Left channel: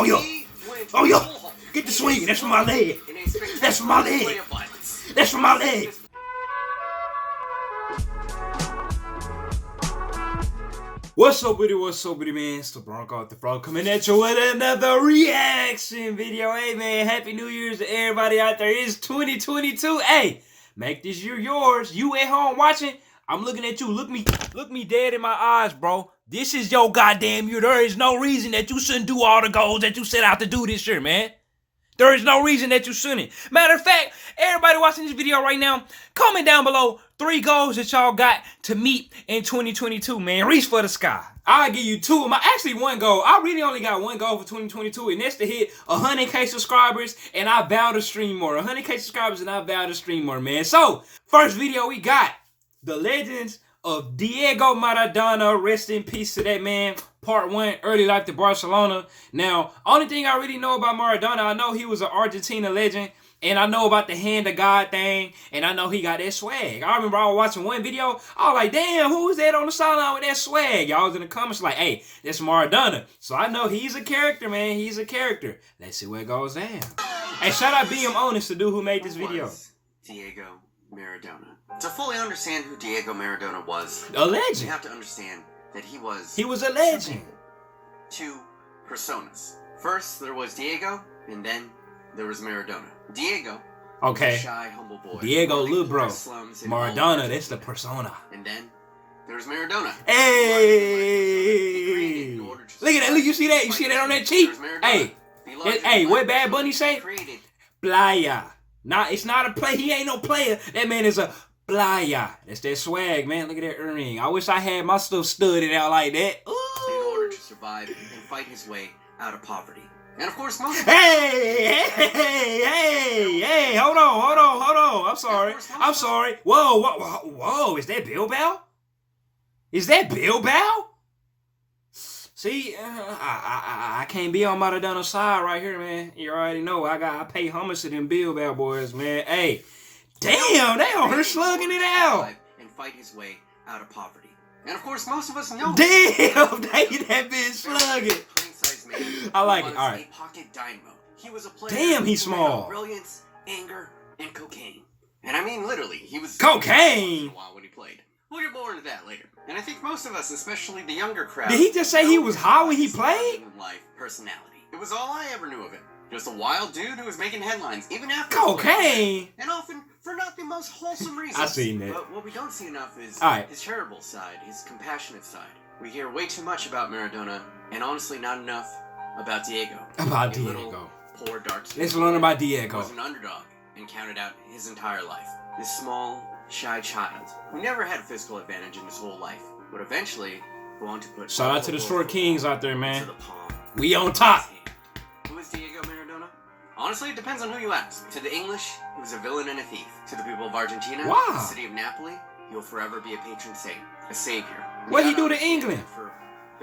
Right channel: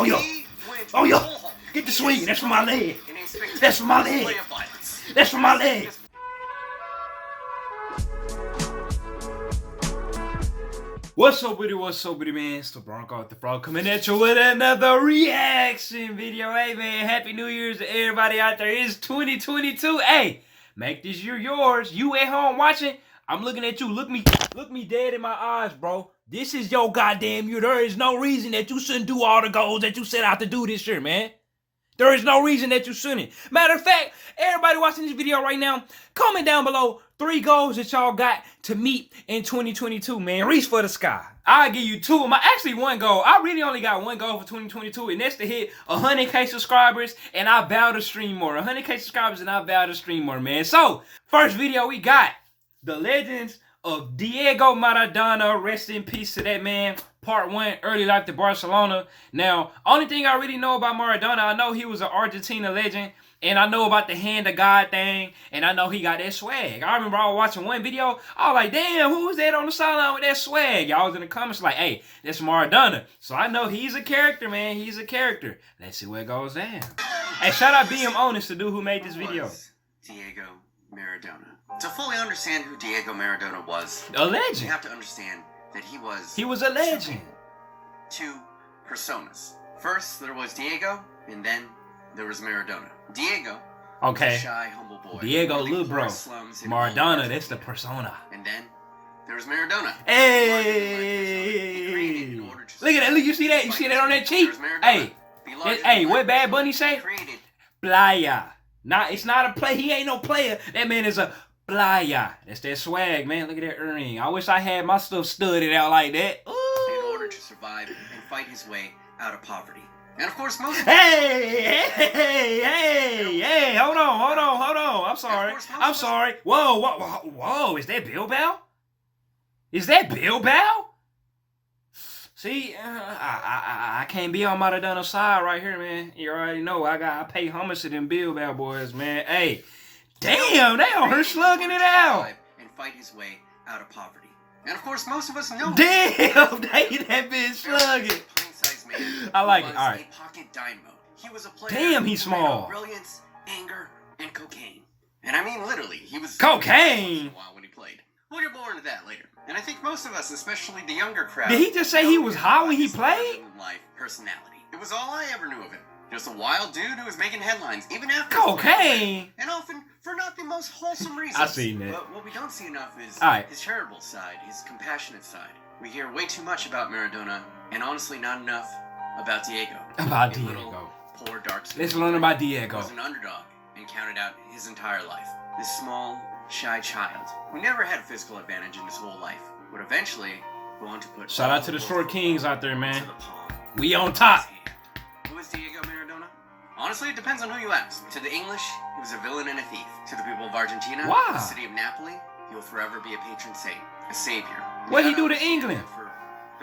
Oh, yo. Oh, yo. Get the swing. That's for my leg. That's for my leg. That's for my leg. What's up with it? What's up with it, man? It's the Bronco with the Frog coming at you with another reaction video. Hey, man, Happy New Year's to everybody out there. It's 2022. Hey, make this year yours. You at home watching, I'm looking at you. Look me dead in my eyes, bro. This is your goddamn year. There is no reason that you shouldn't do all the goals that you set out to do this year, man. There is no reason that you shouldn't. Matter of fact, everybody watching this video right now, comment down below 3 goals that y'all got to meet in 2022, man. Reach for the sky. I'll give you 2 of my, actually 1 goal. I really only got 1 goal for 2022, and that's to hit 100K subscribers, and I vow to stream more. 100K subscribers, and I vow to stream more, man. So, first video we got, the legends of Diego Maradona. Rest in peace to that man. Part 1, early life to Barcelona. Now, only thing I really know about Maradona, I know he was an Argentina legend, and I know about the hand of God thing, and I know he got that swag. I remember I was watching one video, I was like, damn, who was that on the sideline with that swag? Y'all was in the comments like, hey, that's Maradona. So I know he's a character, man. He's a character. Let's see where it goes down. Hey, shout out BM Honest, the dude who made this video. Diego Maradona. To fully understand who Diego Maradona was, a legend. you have to understand that he was a legend. 2 personas. First, there was Diego, and then there was Maradona. Diego, okay, was a shy, humble boy. Diego, little bro. Maradona, that's the persona. And then there was Maradona. Hey, look at that! Look, you see that? You see that on that cheek? Hey, hey, what Bad Bunny say? Playa. Nah, it's not a play. He ain't no player. That man is a playa. That's that swag, man. Look at that earring. I wish I had my stuff studded out like that. Ooh. In order to survive and fight his way out of poverty. And of course, most Hey, hold on. I'm sorry. Whoa. Is that Bilbao? Is that Bilbao? See, I can't be on Maradona's side right here, man. You already know I pay homage to them Bilbao boys, man. Hey, damn, they on her slugging it out. And fight his way out of poverty. And of course, most of us know. Damn, that bitch slugging. I like it. All right. A pocket dynamo. He was a player. Damn, he's small. Brilliance, anger, and cocaine. And I mean literally, he was cocaine. When he played. We'll get more into that later. And I think most of us, especially the younger crowd, did he just say he was high when he played? Life personality. It was all I ever knew of him. Just a wild dude who was making headlines, even after cocaine, and often for not the most wholesome reasons. I seen that. But what we don't see enough is his charitable side, his compassionate side. We hear way too much about Maradona, and honestly, not enough about Diego. About Diego. Poor dark. Let's learn about Diego. He was an underdog and counted out his entire life. This small, shy child who never had physical advantage in his whole life would eventually go on to put. Shout out to the short kings out there, man. We on top. Who is Diego Maradona? Honestly, it depends on who you ask. To the English, he was a villain and a thief. To the people of Argentina, the city of Napoli, he will forever be a patron saint, a savior. What he do to England? For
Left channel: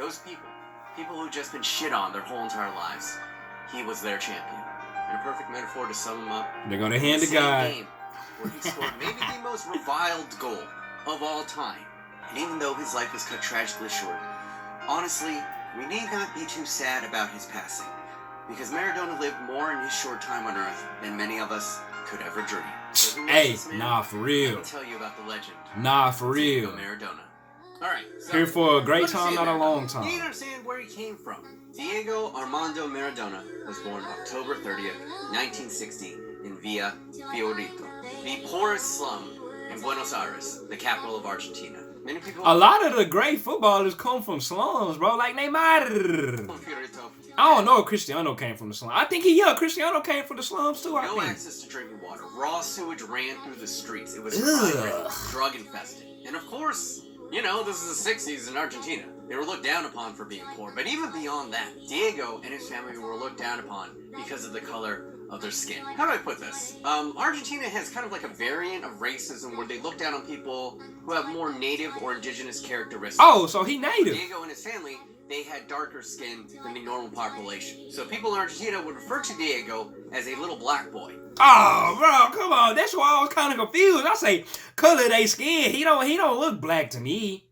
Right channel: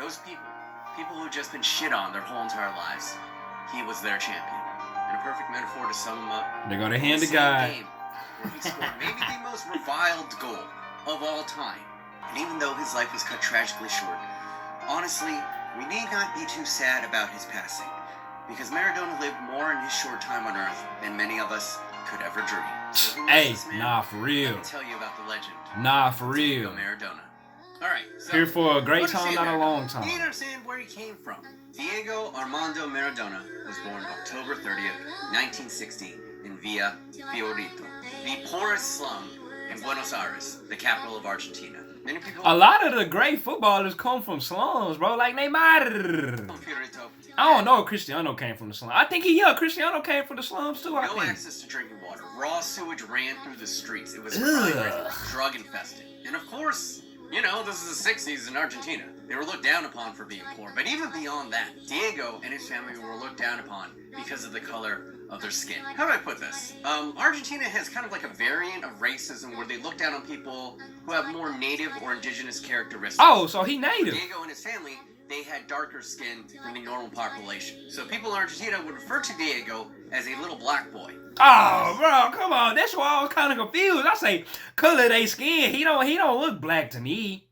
those people who've just been shit on their whole entire lives, he was their champion. And a perfect metaphor to sum him up. They go to hand to God. Where he scored maybe the most reviled goal of all time. And even though his life was cut tragically short, honestly, we need not be too sad about his passing. Because Maradona lived more in his short time on Earth than many of us could ever dream. So hey, nah, for real. I'll tell you about the legend. Nah, for real. Maradona. Alright, so here for a great time, not a long time. You need to understand where he came from. Diego Armando Maradona was born October 30th, 1960 in Villa Fiorito, the poorest slum in Buenos Aires, the capital of Argentina. Many people. A lot of the great footballers come from slums, bro. Like Neymar. I don't know if Cristiano came from the slums. I think Cristiano came from the slums too. No access to drinking water. Raw sewage ran through the streets. It was drug infested. And of course, you know, this is the 60s in Argentina. They were looked down upon for being poor. But even beyond that, Diego and his family were looked down upon because of the color of their skin. How do I put this? Argentina has kind of like a variant of racism where they look down on people who have more native or indigenous characteristics. Oh, so he native. Diego and his family, they had darker skin than the normal population. So people in Argentina would refer to Diego as a little black boy. Oh, bro, come on. That's why I was kind of confused. I say, color they skin. He don't look black to me.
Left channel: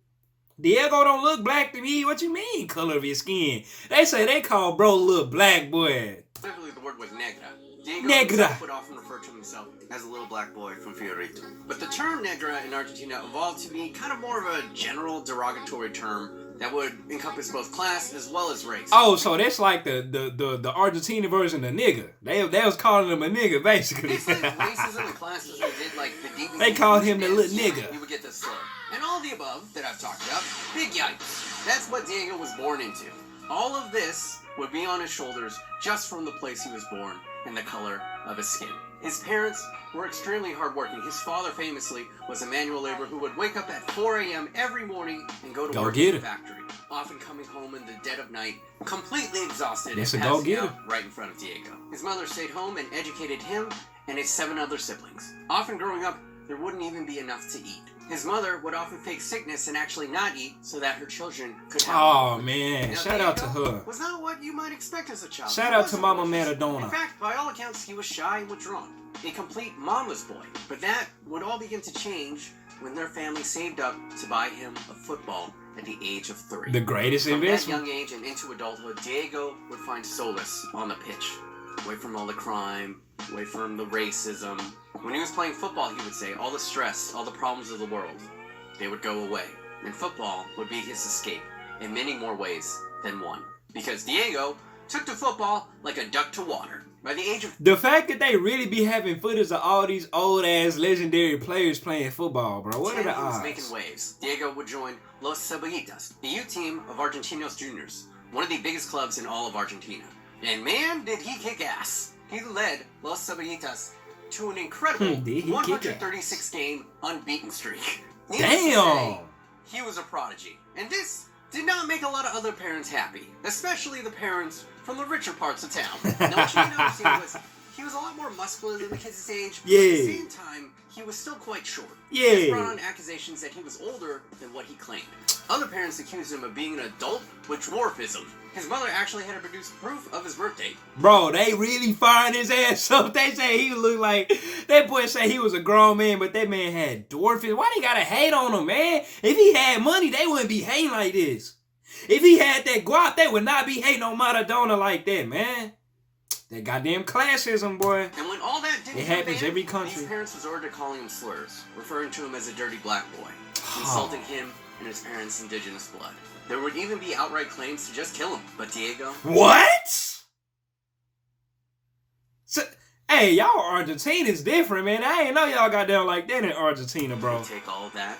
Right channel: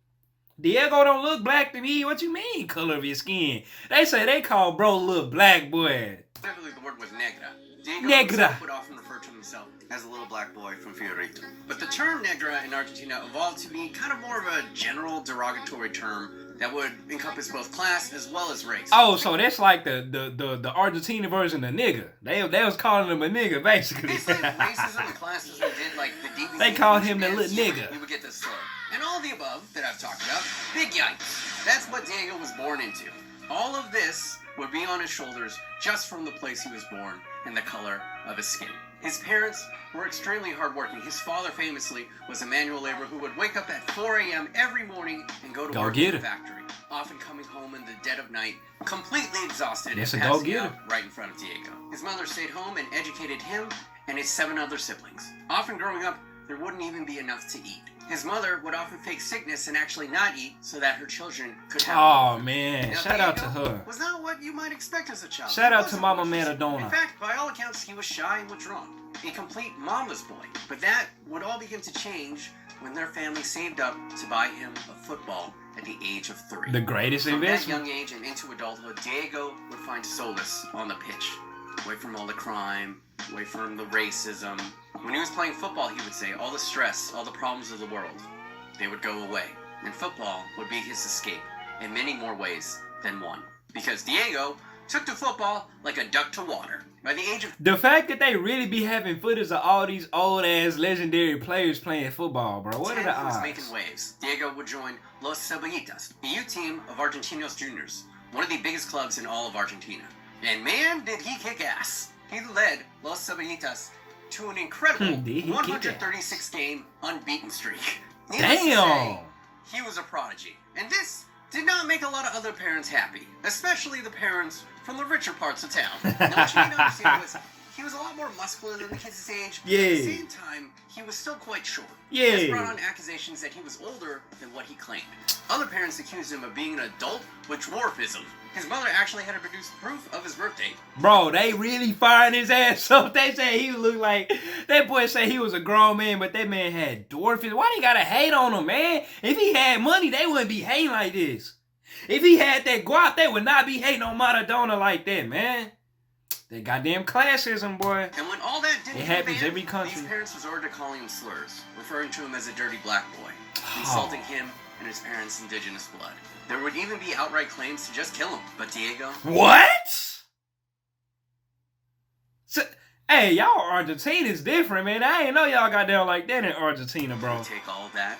Diego don't look black to me. What you mean, color of his skin? They say they call bro little black boy. Specifically, the word was negra. Diego Negra. would often refer to himself as a little black boy from Fiorito. But the term negra in Argentina evolved to be kind of more of a general derogatory term that would encompass both class as well as race. Oh, so that's like the Argentina version of nigga. They was calling him a nigga, basically. Basically, racism and classism did like the DVD. They called him the little nigga. We would get this story. And all the above that I've talked about, big yikes. That's what Diego was born into. All of this would be on his shoulders just from the place he was born and the color of his skin. His parents were extremely hardworking. His father famously was a manual laborer who would wake up at 4 a.m. every morning and go to work in the factory, often coming home in the dead of night, completely exhausted and passing out right in front of Diego. His mother stayed home and educated him and his 7 other siblings. Often growing up, there wouldn't even be enough to eat. His mother would often fake sickness and actually not eat so that her children could have. Oh man, now, shout out to her. Was not what you might expect as a child. Shout out to Mama Maradona. In fact, by all accounts, he was shy and withdrawn. A complete mama's boy. But that would all begin to change when their family saved up to buy him a football at the age of 3. The greatest investment. From that young age and into adulthood, Diego would find solace on the pitch. Away from all the crime, away from the racism. When he was playing football, he would say all the stress, all the problems of the world, they would go away. And football would be his escape in many more ways than one. Because Diego took to football like a duck to water. By the age of... The fact that they really be having footage of all these old-ass legendary players playing football, bro. What are the odds? He was making waves. Diego would join Los Cebollitas, the youth team of Argentinos Juniors, one of the biggest clubs in all of Argentina. And man, did he kick ass. He led Los Cebollitas to an incredible 136-game unbeaten streak. Damn! He was a prodigy. And this did not make a lot of other parents happy, especially the parents from the richer parts of town. Now, what you need to understand was, he was a lot more muscular than the kids his age, but at the same time, he was still quite short. This brought on accusations that he was older than what he claimed. Other parents accused him of being an adult with dwarfism. His mother actually had to produce proof of his birth date. Bro, they really firing his ass up. They say he looked like... That boy said he was a grown man, but that man had dwarfism. Why they gotta hate on him, man? If he had money, they wouldn't be hating like this. If he had that guap, they would not be hating on Maradona like that, man. That goddamn classism, boy. And when all that didn't happens every country. His parents resorted to calling him slurs, referring to him as a dirty black boy, insulting him and his parents' indigenous blood. There would even be outright claims to just kill him, but Diego... What? So, hey, y'all Argentina's different, man. I ain't know y'all got down like that in Argentina, bro. He'd take all that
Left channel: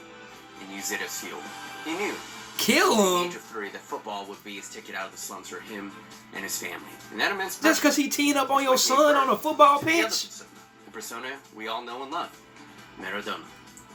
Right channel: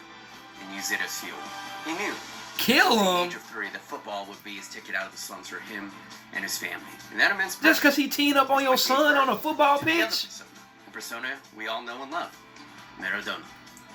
and use it as fuel. He knew. Kill him? At the age of 3, that football would be his ticket out of the slums for him and his family. And that immense... Just because he teamed up on your son on a football pitch? The persona we all know and love. Maradona.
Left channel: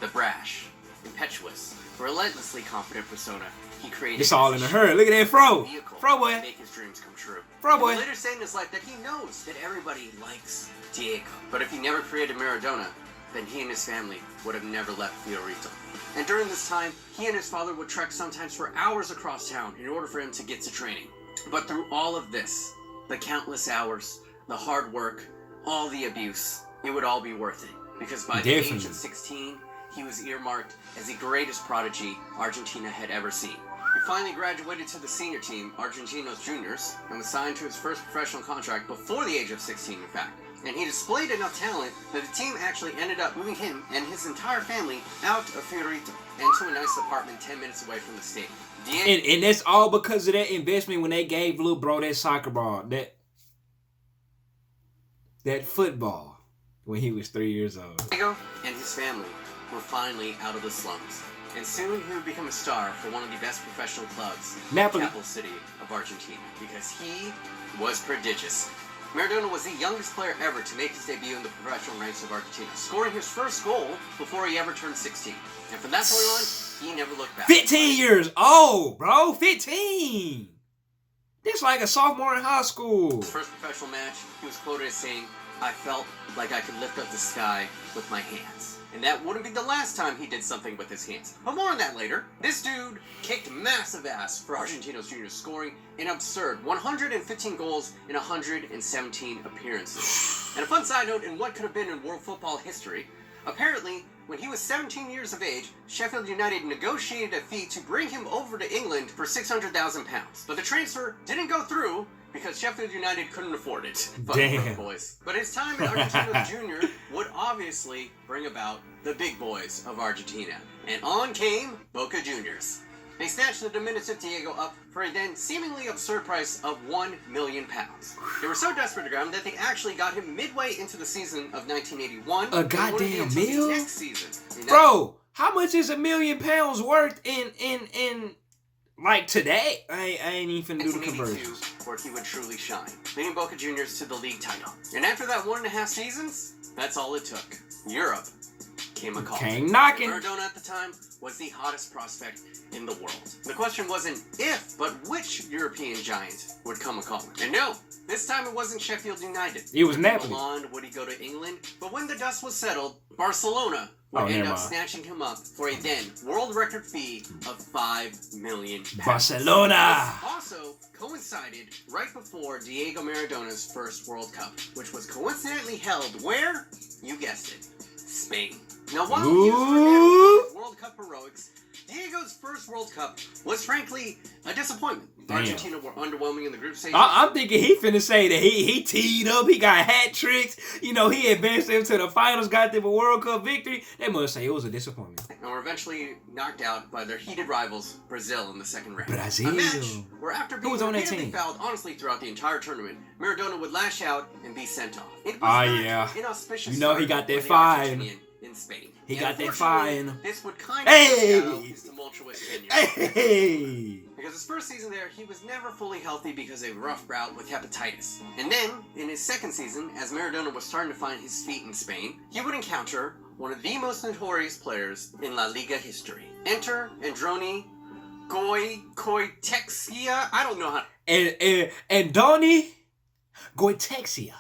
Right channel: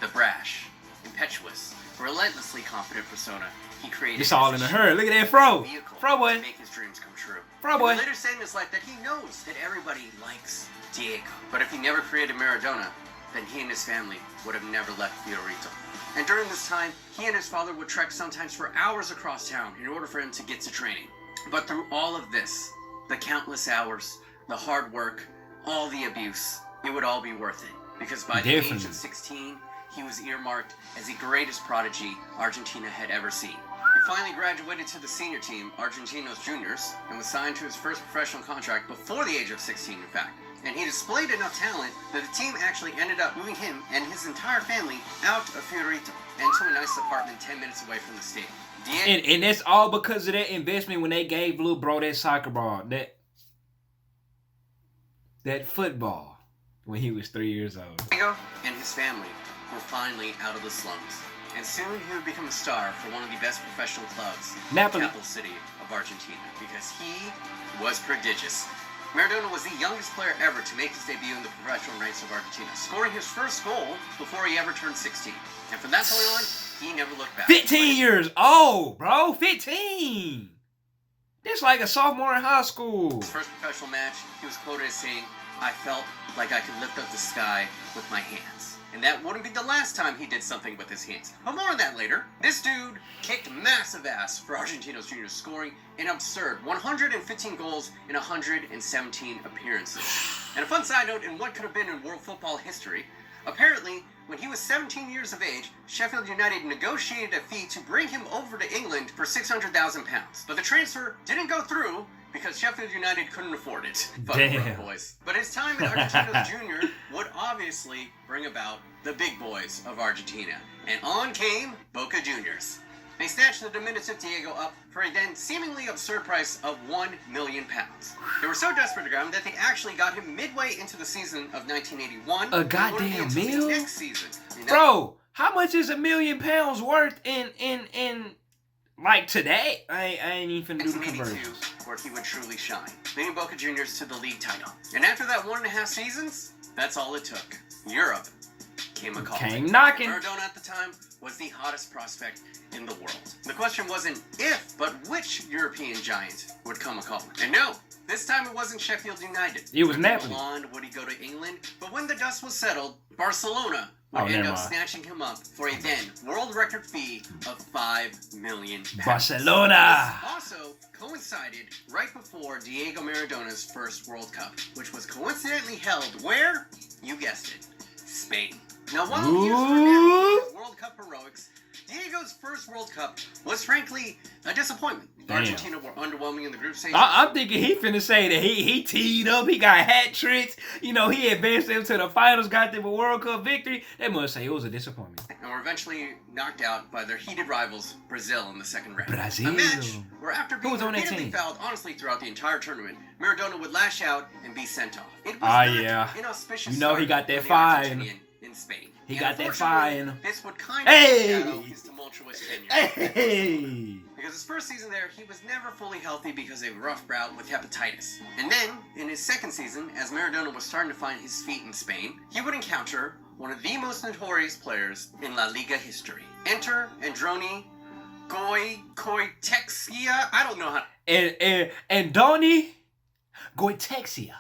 The brash, impetuous, relentlessly confident persona he created. It's all in a hurry. Look at that fro. Fro boy. To make his dreams come true. Fro boy. He later said in his life that he knows that everybody likes Diego. But if he never created Maradona, then he and his family would have never left Fiorito. And during this time, he and his father would trek sometimes for hours across town in order for him to get to training. But through all of this, the countless hours, the hard work, all the abuse, it would all be worth it. Because by the age of 16, he was earmarked as the greatest prodigy Argentina had ever seen. He finally graduated to the senior team, Argentinos Juniors, and was signed to his first professional contract before the age of 16, in fact. And he displayed enough talent that the team actually ended up moving him and his entire family out of Fiorito and to a nice apartment 10 minutes away from the stadium. And that's all because of that investment when they gave little bro that soccer ball, that football, when he was 3 years old. Diego and his family were finally out of the slums. And soon he would become a star for one of the best professional clubs Napoli. In the capital city of Argentina, because he was prodigious. Maradona was the youngest player ever to make his debut in the professional ranks of Argentina, scoring his first goal before he ever turned 16. And from that point on, he never looked back. 15 years old, bro. 15. This like a sophomore in high school. His first professional match, he was quoted as saying, "I felt like I could lift up the sky with my hands." And that wouldn't be the last time he did something with his hands. But more on that later. This dude kicked massive ass for Argentinos Juniors, scoring an absurd 115 goals in 117 appearances. And a fun side note in what could have been in world football history, apparently when he was 17 years of age, Sheffield United negotiated a fee to bring him over to England for £600,000. But the transfer didn't go through because Sheffield United couldn't afford it. Damn. Boys. But his time in Argentina Junior would obviously bring about the big boys of Argentina. And on came Boca Juniors. They snatched the diminutive Diego up for a then seemingly absurd price of £1 million. They were so desperate to grab him that they actually got him midway into the season of 1981. A goddamn meal? Next season. Bro, how much is £1 million worth in like today? I ain't even finna do the conversions. Where he would truly shine, leading Boca Juniors to the league title. And after that 1.5 seasons, that's all it took. Europe came a call. Came knocking. Maradona at the time was the hottest prospect in the world. The question wasn't if, but which European giant would come a call. And no, this time it wasn't Sheffield United. It was Napoli. Would he go to England? But when the dust was settled, Barcelona would end up snatching him up for a then world record fee of £5 million. Barcelona! This also coincided right before Diego Maradona's first World Cup, which was coincidentally held where? You guessed it, Spain. Now, while he was World Cup heroics, Diego's first World Cup was frankly a disappointment. Damn. Argentina were underwhelming in the group stage. I'm thinking he finna say that he teed up, he got hat tricks, you know, he advanced them to the finals, got them a World Cup victory. They must say it was a disappointment. And were eventually knocked out by their heated rivals, Brazil, in the second round. Brazil. A match where after being was on that repeatedly team? fouled honestly throughout the entire tournament, Maradona would lash out and be sent off. It was yeah. inauspicious You know he got that fine. In Spain. He And got that fine. This would kind Hey! of foreshadow his tumultuous tenure. Hey! Because his first season there, he was never fully healthy because of a rough bout with hepatitis. And then, in his second season, as Maradona was starting to find his feet in Spain, he would encounter one of the most notorious players in La Liga history. Enter Androni Goycoechea. I don't know how. Andoni Goycoechea.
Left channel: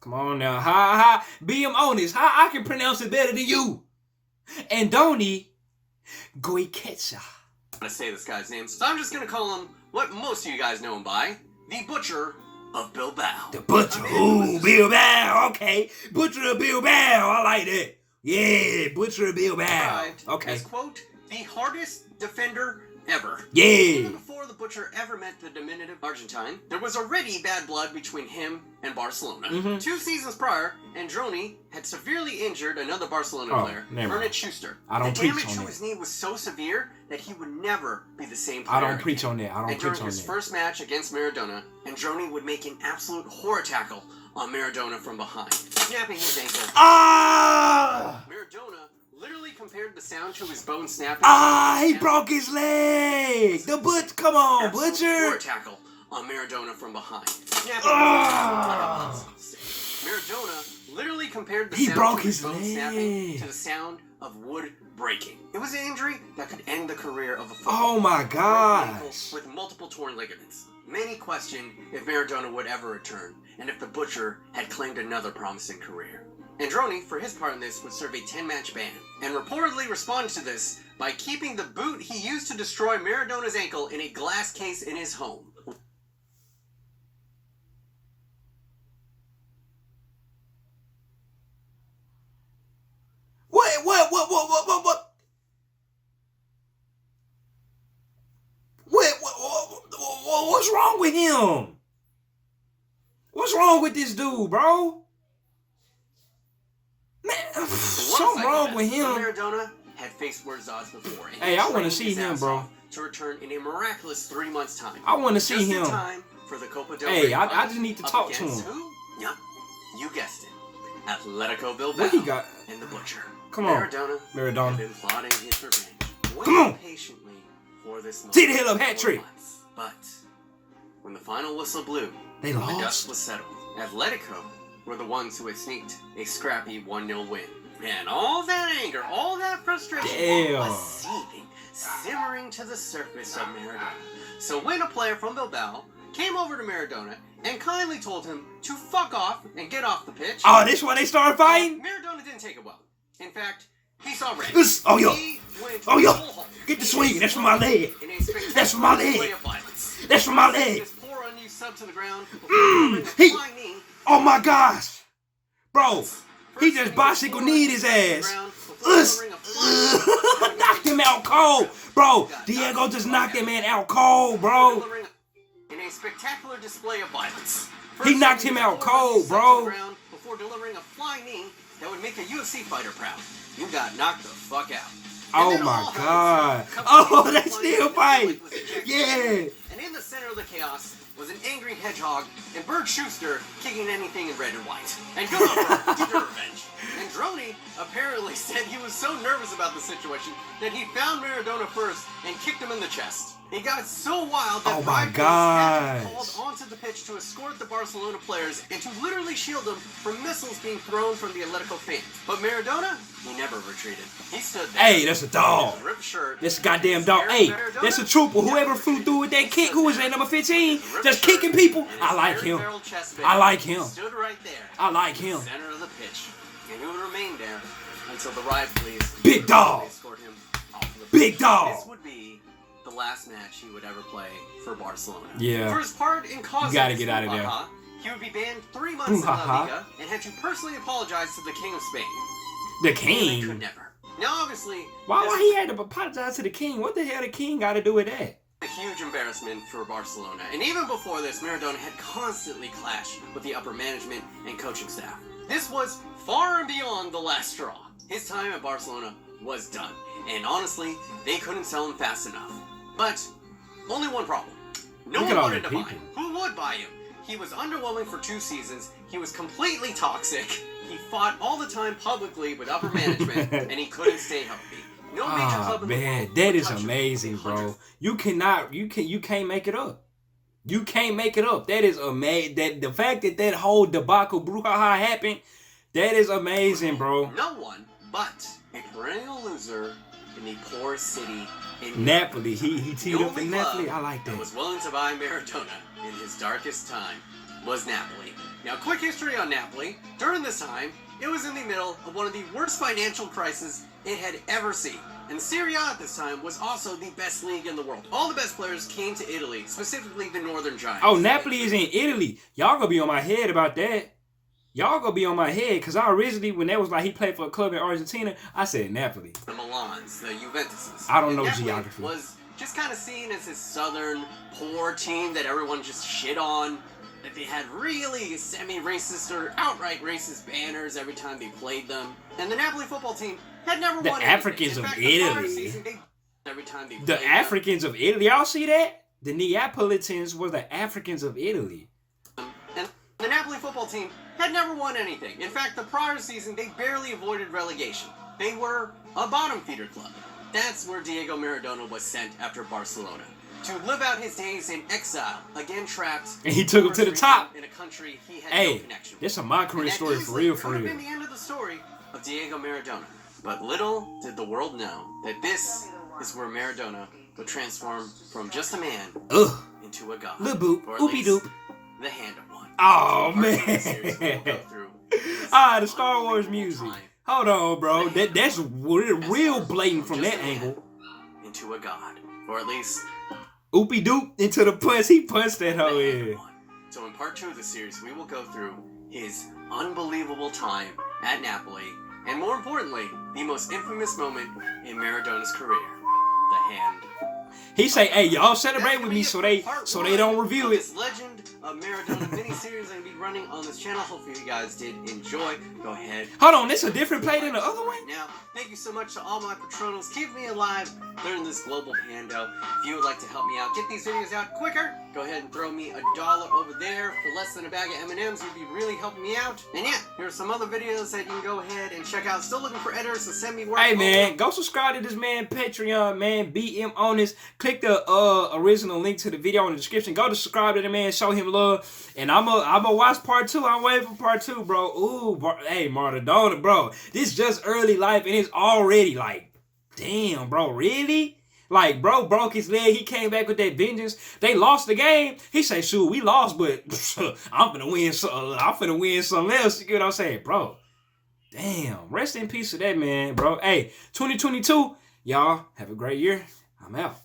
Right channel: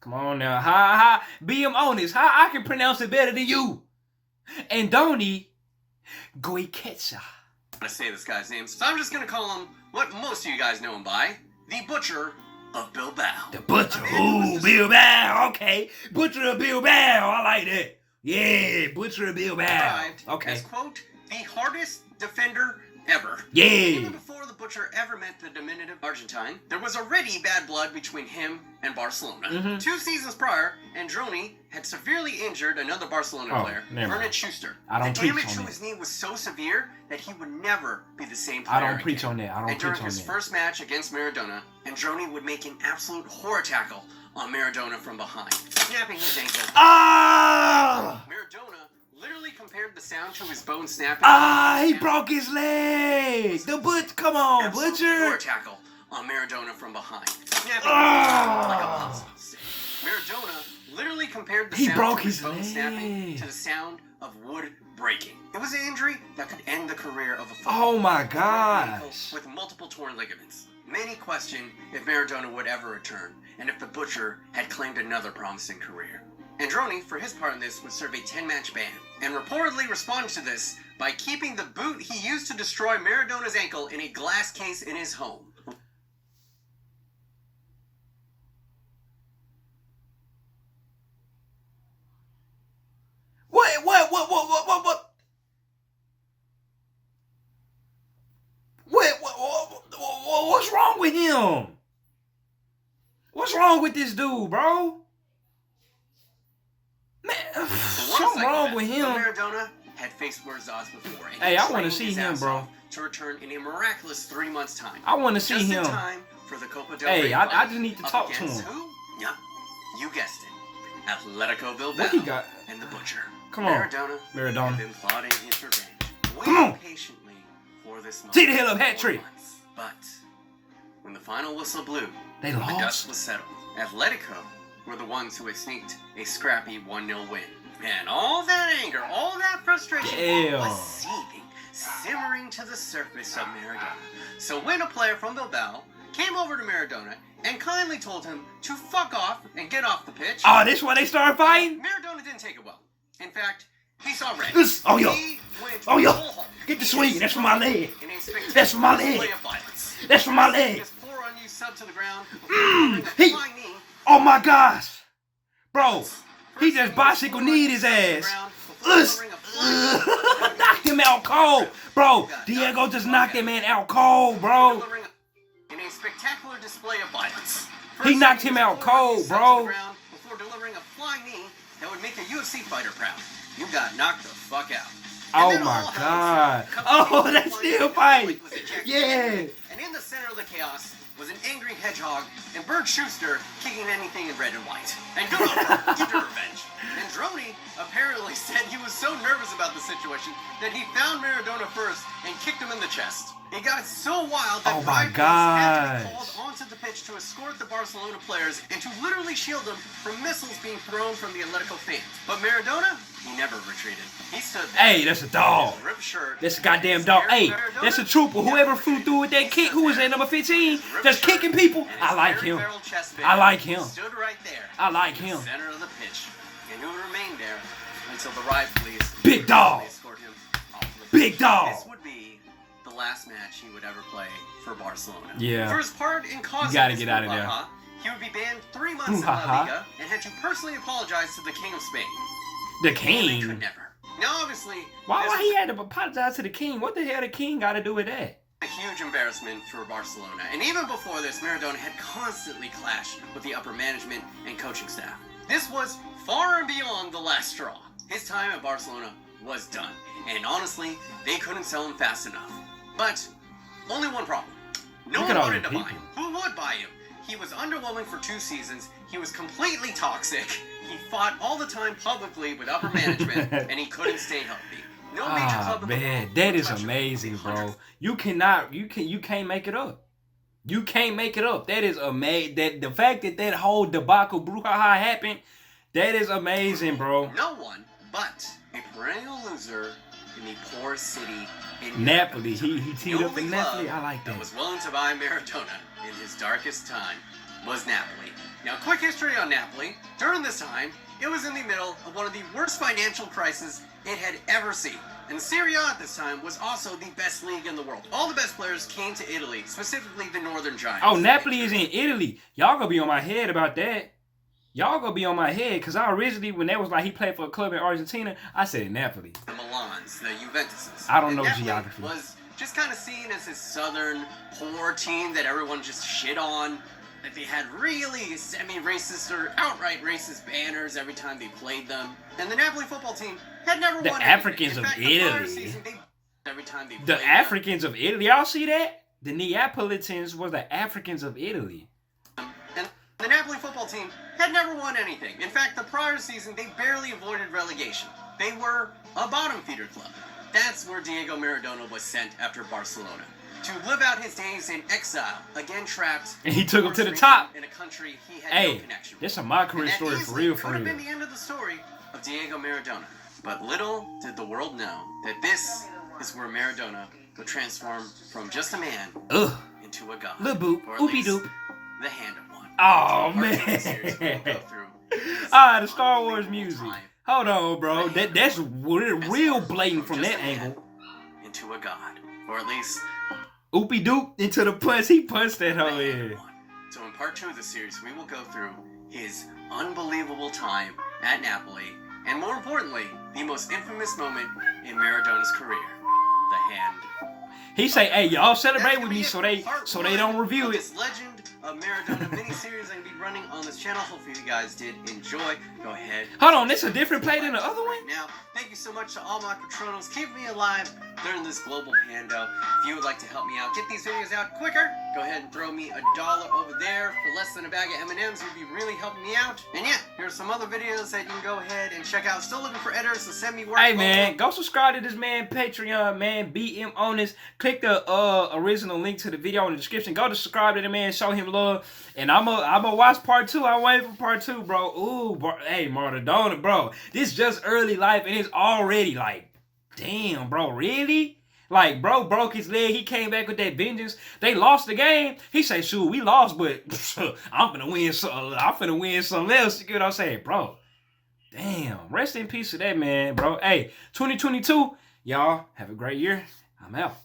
Come on now, be honest. I can pronounce it better than you. Andoni Goycoechea. I'm gonna say this guy's name, so I'm just gonna call him what most of you guys know him by: the Butcher of Bilbao. The Butcher, ooh, Bilbao, okay. Butcher of Bilbao, I like that. Yeah, Butcher of Bilbao. Okay. As, quote, the hardest defender ever. Yeah. Even before the Butcher ever met the diminutive Argentine, there was already bad blood between him and Barcelona. 2 seasons prior, Androni had severely injured another Barcelona player, Ernest Schuster. I don't preach on that. The damage to his knee was so severe that he would never be the same player I don't preach again. on that. I don't and preach during on his that. first match against Maradona, Androni would make an absolute horror tackle on Maradona from behind, snapping his ankle. Ah! Maradona literally compared the sound to his bone snapping. He broke his leg. The come on, Butcher. Horror tackle on Maradona from behind, snapping like a popsicle stick. Maradona literally compared the sound to his bone snapping to the sound of wood breaking. It was an injury that could end the career of a footballer. Oh my gosh. With multiple torn ligaments. Many questioned if Maradona would ever return, and if the Butcher had claimed another promising career. Androni, for his part in this, would serve a 10-match ban, and reportedly responded to this by keeping the boot he used to destroy Maradona's ankle in a glass case in his home. What's wrong with him? What's wrong with this dude, bro? Man, something wrong with him. Maradona had faced worse odds before. Hey, I want to see him, bro. To return in a miraculous 3 months' time. I want to see him. Time for the Copa del Hey, Rey I just need to talk to him. Who? Yep, you guessed it. Atletico Bilbao. What he got? And the Butcher. Come on, Maradona. Had been plotting his revenge. Come on. Patiently for this moment. See the hell of hat trick. But when the final whistle blew, they the lost. dust was settled. Atletico were the ones who had sneaked a scrappy 1-0 win. And all that anger, all that frustration was seething, simmering to the surface of Maradona. So when a player from Bilbao came over to Maradona and kindly told him to fuck off and get off the pitch. Oh, this why they started fighting? Maradona didn't take it well. In fact, he saw red. Get the swing. That's for my leg. That's for my leg. That's for my leg. Oh my gosh. Bro, he just bicycle kneed his ass. delivering a flying knocked him out cold, bro. Diego just knocked that man out cold, bro. In a spectacular display of violence. He knocked him out cold, bro. Before delivering a flying knee that would make a UFC fighter proud. You got knocked the fuck out. Oh my God. Oh, they still fight. Yeah. And in the center of the chaos was an angry hedgehog and Bert Schuster kicking anything in red and white. And good on her, get your revenge. And Droney apparently said he was so nervous about the situation that he found Maradona first and kicked him in the chest. It got so wild that oh my had God. to be called onto the pitch to escort the Barcelona players and to literally shield them from missiles being thrown from the Atletico fans. But Maradona, he never retreated. He stood there. Hey, that's a dog. Ripped shirt, That's a goddamn dog. Hey, that's a trooper. Whoever flew through with that kick, who was that, number 15? Just kicking people. I like him. I like him. Stood right there. I like him. Center of the pitch. And he would remain there until the riot police Big dog. escort him off the pitch. Big dog. This would be the last match he would ever play for Barcelona. Yeah. For his part in causing You gotta this get out of there. brouhaha, he would be banned 3 months in La Liga and had to personally apologize to the King of Spain. The He could king. never. Now, obviously, Why he had to apologize to the king? What the hell the king got to do with that? a huge embarrassment for Barcelona. And even before this, Maradona had constantly clashed with the upper management and coaching staff. This was far and beyond the last straw. His time at Barcelona was done. And honestly, they couldn't sell him fast enough. But only one problem. No Look one at all wanted the to buy people. him. Who would buy him? He was underwhelming for 2 seasons. He was completely toxic. He fought all the time publicly with upper management, and he couldn't stay healthy. No major club in the Man, world that would is touch him. amazing, bro. You can't make it up. You can't make it up. That is amazing. That the fact that whole debacle brouhaha happened, that is amazing, bro. No one but a perennial loser in the poorest city in Napoli, he The teed up only in Napoli. club I like that that. was willing to buy Maradona in his darkest time was Napoli. Now, quick history on Napoli. During this time, it was in the middle of one of the worst financial crises it had ever seen. And Serie A at this time was also the best league in the world. All the best players came to Italy, specifically the Northern Giants. Oh, Napoli is in Italy. Y'all gonna be on my head about that. Y'all gonna be on my head, because I originally, when that was like he played for a club in Argentina, I said Napoli. The Milans, the Juventuses. I don't know Napoli geography. Was just kind of seen as this southern poor team that everyone just shit on. That they had really semi-racist or outright racist banners every time they played them. And the Napoli football team had never The won Africans anything. In of fact, the prior Italy. season, every time they The played Africans of Italy. Y'all see that? The Neapolitans were the Africans of Italy. them. And the Napoli football team had never won anything. In fact, the prior season, they barely avoided relegation. They were a bottom feeder club. That's where Diego Maradona was sent after Barcelona. To live out his days in exile, again trapped. And he took him to the top. In a country he had no Hey, connection with. this is my career And that story for easily real, for could have real. been the end of the story of Diego Maradona. But little did the world know that this is where Maradona would transform from just a man Ugh. into a god. Lil boop. Or at Oopie least doop. the hand of one. Oh, Part of the series we'll go man. through is Ah, the Star Wars unbelievable music. time Hold on, bro. That's real blatant from just that a man angle. into a god. Or at least Oopie doop into the punch. He punched that hoe in. So in part 2 of the series, we will go through his unbelievable time at Napoli, and more importantly, the most infamous moment in Maradona's career, the hand. He say, "Hey, y'all celebrate That's with gonna me be so it. they Part so they one don't review of it." This Legend of Maradona mini-series I'm going to be running on this channel. Hopefully you guys did enjoy. Go ahead. Hold on, this a different play than the other one? Now, thank you so much to all my patronos. Keep me alive during this global pando. If you would like to help me out, get these videos out quicker, go ahead and throw me $1 over there for less than a bag of M&Ms. You'd be really helping me out. And yeah, here's some other videos that you can go ahead and check out. Still looking for editors, so send me work. Hey man, go subscribe to this man Patreon, man. BM on this. Click the original link to the video in the description. Go to subscribe to the man, show him love. And I'ma watch part 2. I'm waiting for part 2, bro. Ooh, hey Maradona, bro. This just early life and it's already like, damn, bro, really? Like, bro broke his leg. He came back with that vengeance. They lost the game. He said, shoot, we lost, but I'm finna win something else. You get what I'm saying, bro? Damn. Rest in peace to that man, bro. Hey, 2022, y'all have a great year. I'm out.